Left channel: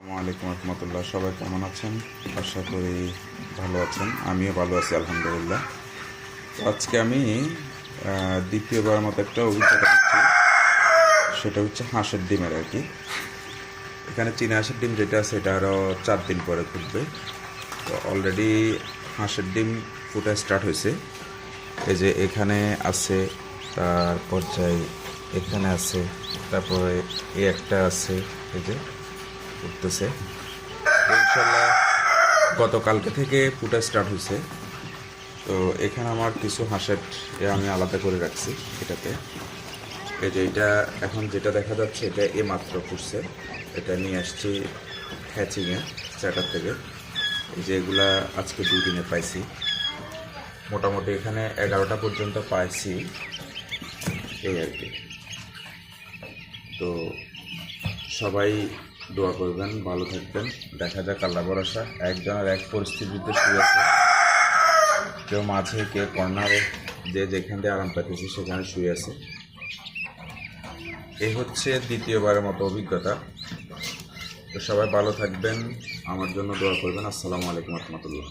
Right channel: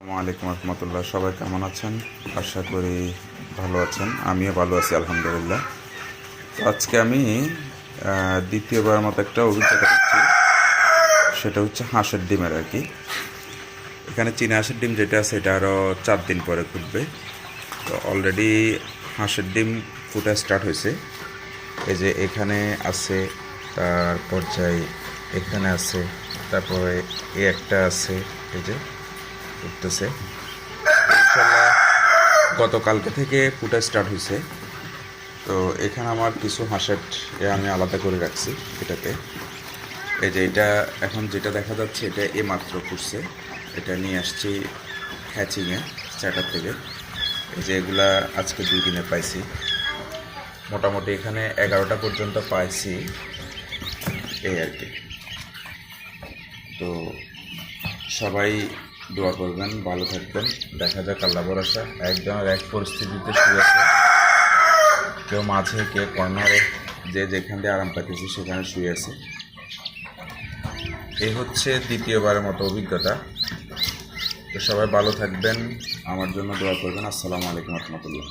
আলাইকুম রহমতুল্লাহ। সবাই কেমন আছেন? আশা করি ভালো আছেন। আমিও ভালো আছি, আলহামদুলিল্লাহ। আজকে আমি দ্বিতীয়বার মতো একটা অভিজ্ঞতা করছি সেটা হচ্ছে হাঁসের ডিমের আর কি। এখানে চীনা হাঁসের ডিম যেটা এটা আরও চার দিন পরে ফুটবে। তো অলরেডি হাঁসের ডিম ফুটা স্টার্ট হয়েছে। এই যে এখানে আছে তার পর্যায়ে এখানে আছে, তারপরে এই একটা আছে, এই যে উঠতেছে। গতকালকে থেকে ফুটা স্টার্ট হয়েছে তো এখানে আমার কিছু হাঁসের আমি আলাদা করে রাখছি এটাতে। এই যে এটা এখন যেটা দেখা যাচ্ছে, এটা এ মাত্র ফুটছে এটা নিয়ে আসছি হ্যাচিংয়ে চ্যাটার থেকে। এই যে এগুলা আজকে দুই দিনে পাইছি। মোটামুটি এখানে এগারোটা পর্যন্ত পাইছি। এই আর কি। তো সবাই দোয়া করবেন, ভালো থাকবেন। দেখা যাক আল্লাহ ভরসা। একজনের এক পরিস্থিতিতে শুয়ে আছে। কেউ মাঝে কে কর্নারে, যে যেখান দিয়ে আরাম পাইতেছে সেখানে শুয়ে আছে। এই হচ্ছে দ্বিতীয়বারের মতো অভিজ্ঞতা। তো সবাই ভালো থাকবেন। আমার জন্য দোয়া করবেন। আসসালামু আলাইকুম রহমতুল্লাহ।